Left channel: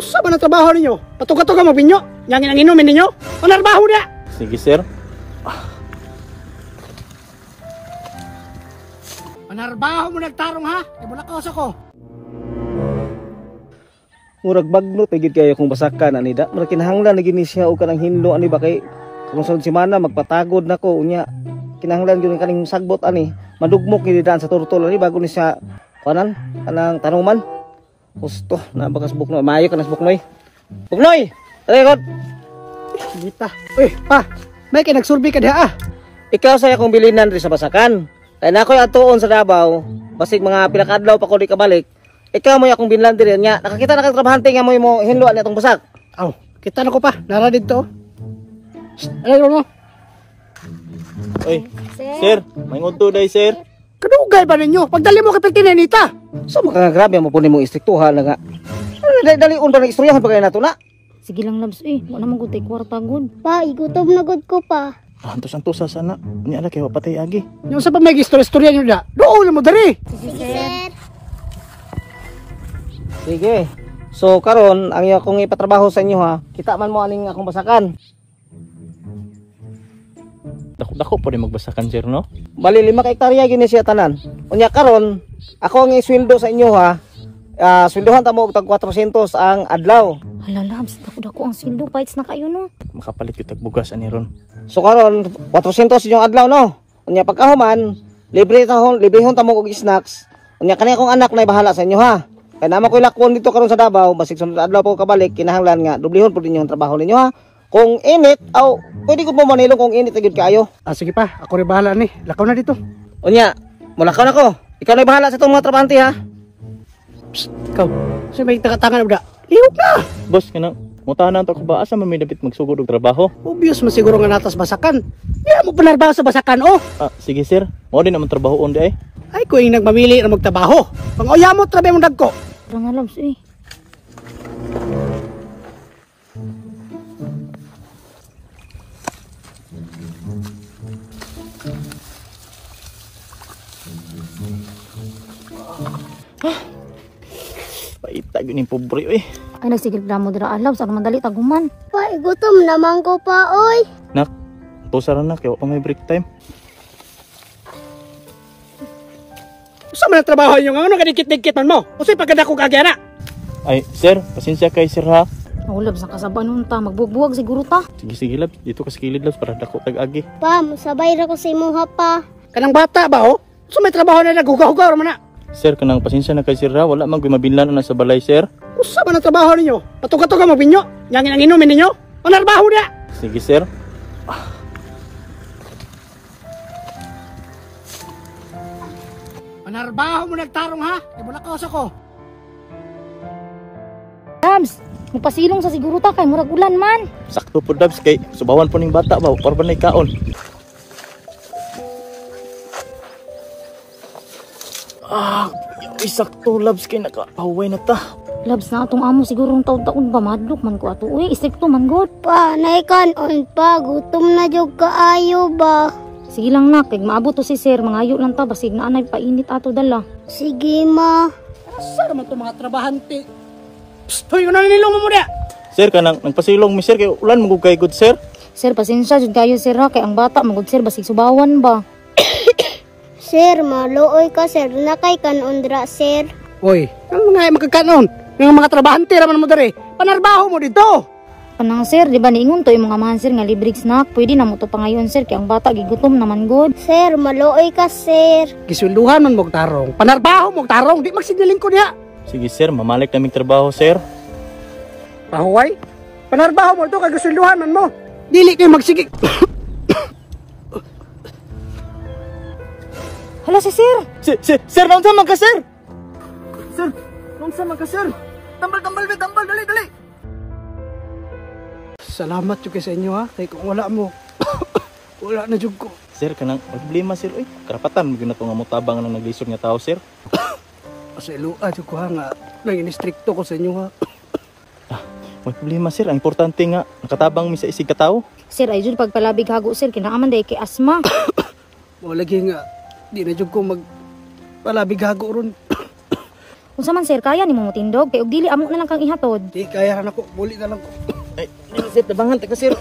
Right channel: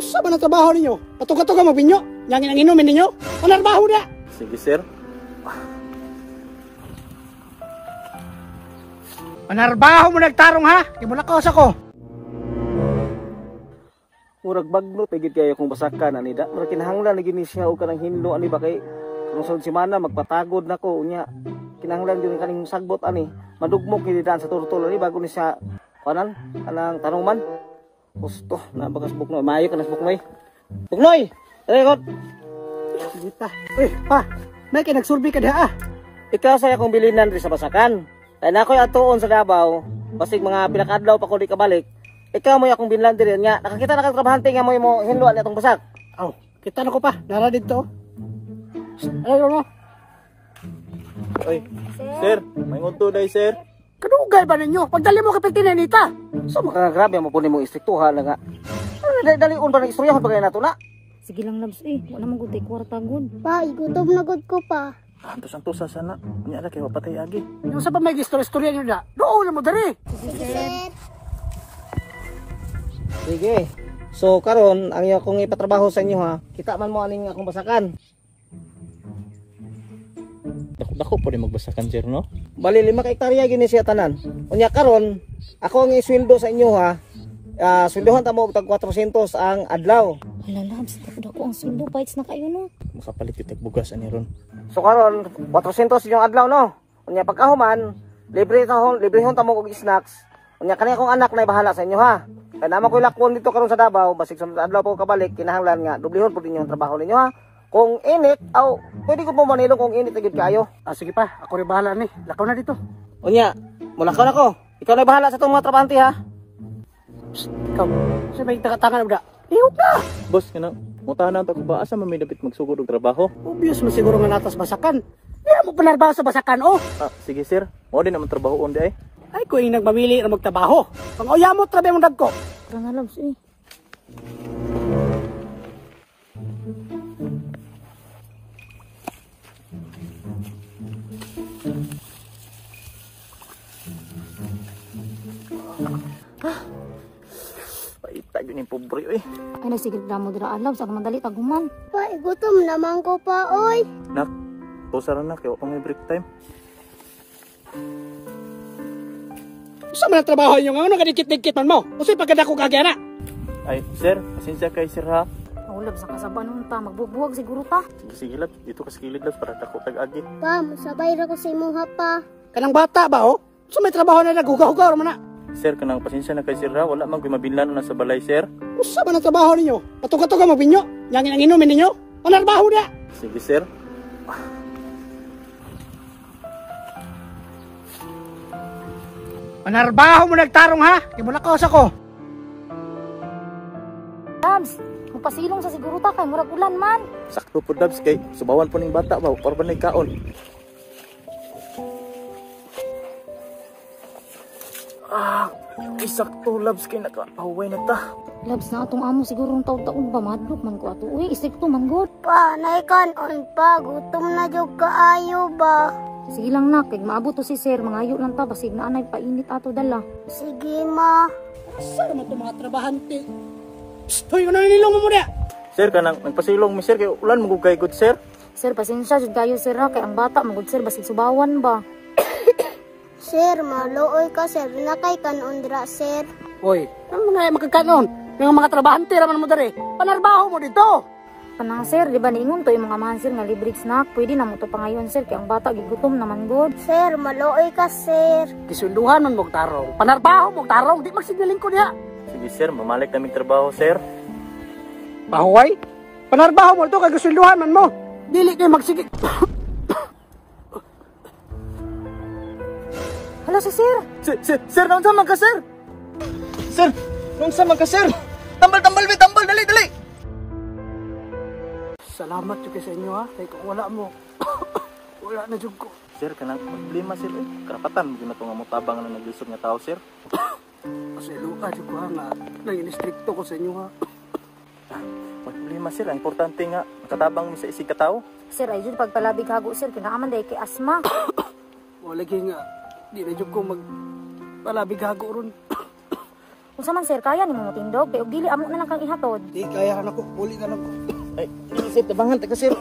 Usa ba na trabaho ninyo? Pato-kato ka mabinyo? Yangin ang inumin ninyo? Panarbaho na! Sige, sir. Panarbaho mo nagtarong ha? Ibulakos ako. Murag bagno pagid kayo kung basakan anida. Murag kinahanglan na gini siya o kanang hindo ani ba kay kung sa semana magpatagod nako unya. Kinahanglan gyud kaning sagbot ani. Madugmok ni daan sa turtol ani bago ni siya kanan kanang tanuman. Gusto na bakas buknoy. Maayo ka nas buknoy. Buknoy. Dali god. Dita. Uy, pa. May kay nagsurvey ka diha ah. Ikaw saya kong bilinan ri sa basakan. Kay nakoy atuon sa Davao, basig mga pila ka adlaw pa ko di kabalik. Ikaw mo akong binlan diri nya. Nakakita na kang trabahante nga mo hinluan atong basak. Aw, kita na ko pa. Nara dito. Ano mo? Oy, sir, may ngunto day, sir. Kadugay ba ninyo? Pagdali mo kay Tinanita. So makagrabe mo po nimo istriktuhan na nga. Dali undang istoryahan pagay nato na. Sige lang labs wala man gud tay kwarta gud. Pa, igutom na gud ko pa. Antos-antos sana. Unya na kay patay agi. Yung sa pa may istorya nyo na. Doon mo dari. Sige, sir. Sige. So karon ang iyo kong ipatrabaho sa inyo ha. Kita man mo aning akong basakan. Dako po rin magbasakan, sir, no? Bali 5 ka hektarya gini siya tanan. Unya karon ako ang isweldo sa inyo ha. Sweldohan ta mo og tag 400 ang adlaw. Hala labs, dako ang sweldo fights na kayo no. Makapalit yung tagbugas ani ron. So karon 400 yung adlaw no. Unya pagkahuman, librehon ta mo og snacks. Unya kani akong anak na bahala sa inyo ha. Kaya naman ko'y lakon dito karon sa Davao, basig sunod adlaw po kabalik, kinahanglan nga dublihon po din yung trabaho ninyo ha. Kung init, pwede ko po manilong kung init agad kayo. Ah, sige pa, ako rin bahala ni. Lakaw na dito. Unya, mulakaw na ko. Ikaw na bahala sa itong mga trabahante ha. Psst, ikaw. So may tangan na. Ihop na! Boss, kanang mutahan na ito ko ba? Asa man may dapit magsugod og trabaho? Obvious mo siguro nga natas basakan. Hindi mo panarbaho sa basakan, oh! Sige, sir. Mo din naman trabaho on di ay. Ay, ko yung nagmamili na magtrabaho. Pang oya mo, trabe mo dagko. Tara nga labs Paita yun yung pobre, oy. Ay nagsigil na mo dira alabs ang madali taguman. Pa, igutom naman ko pa, oy. Nak, tusaran na kaya may break time. Sa man ang trabaho nyo nga, ano kadikit-dikit man mo? O sa'y pagkadako kagaya na. Ay, sir, pasensya kay sir ha. Oh labs nakasabay nun ta, magbubuwag siguro ta. Sige, lab. Dito ka sa kilid, labs, para dako tag-agi. Pa, musabay ra ko sa imuha pa. Kanang bata ba, oh? So may trabaho na naghugaw-hugaw naman na. Sir, kanang pasensya na kay sir ha. Wala man gumabinlan na sa balay, sir. Usa ba na trabaho ninyo? Pato-kato ka mabinyo? Yangin ang inumin ninyo? Panarbaho na! Sige, sir. Panarbaho mo nagtarong ha? Ibulakos ako. Labs, mupasilong sa siguro ta kay murag ulan man. Sakto po, labs, kay subawan po ning bata ba? Para ba na ikaon? Sakto, labs, kay nakapahuway na ta. Labs na atong amo sigurong taon-taon ba madlok man ko ato. Uy, istrikto man god. Pa, naikanon pa, gutom na jog kaayo ba? Sige lang nak, kay maabot to si sir, mangayo lang ta basig na anay painit ato dala. Sige, ma. Asa naman itong mga trabahante? Psst, hoy, ano nilong mo na? Sir, kanang nagpasilong mi sir, kay ulan mo kay good sir. Sir, pasensya jud kayo sir ha, kay ang bata magod sir basig subawan ba. Sir, maluoy ka, sir. Nakay kanundra, sir. Hoy, ang mga makakanon? Yung mga trabahante raman mo dari. Panarbaho mo dito. Kanang sir, di ba niingon to yung mga man sir nga libre snack, pwede na mo to pangayon sir, kay ang bata gigutom naman god. Sir, maluoy ka, sir. Gisunduhan man mong tarong. Panarbaho mong tarong. Di magsignaling ko niya. Sige sir, mamalik naming trabaho sir. Pahuway? Panarbaho mo ito. Kagusunduhan man mo. Dili kayo magsigig. Hala si sir. Sir, nung sa ka sir? Sir, nung sa ka sir? Tambal, dali. Salamat yung sa inyo ha. Kaya kung wala mo, wala na jug ko. Sir, kanang problema sir. Uy, karapatan mo na itong amutabang na naglisod nga tao sir. Kasi lupa jug ko ha nga. Nang inistrikto ko sa inyo ha. May problema sir. Ang importante nga, nakatabang mi sa isig katao. Sir, ay jud pagpalabig hago sir, kinaaman day kay asma. Wala lagi nga. Di na jug ko magpalabig hago ron. Unsa man sir, kaya nimo mutindog kay og dili amo na lang kang ihatod. Di kaya na ko, buli na lang ko. Ay, sir, tabangan ta ka sir.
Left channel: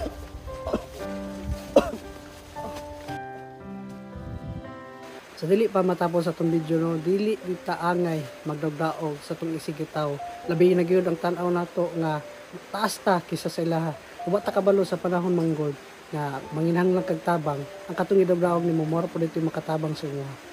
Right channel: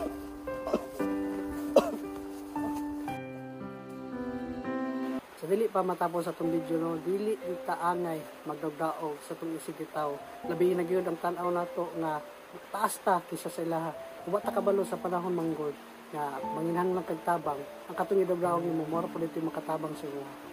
Sa dili pa matapos sa itong video no, dili kita angay magdagdaog sa itong isigitaw. Labi na gyud ang tan-aw nato nga taas ta kisa sa ilaha. Uba ta kabalo sa panahon manggod nga manginhanglan kag tabang, ang katong idagdaog nimo mora pud ito makatabang sa imo.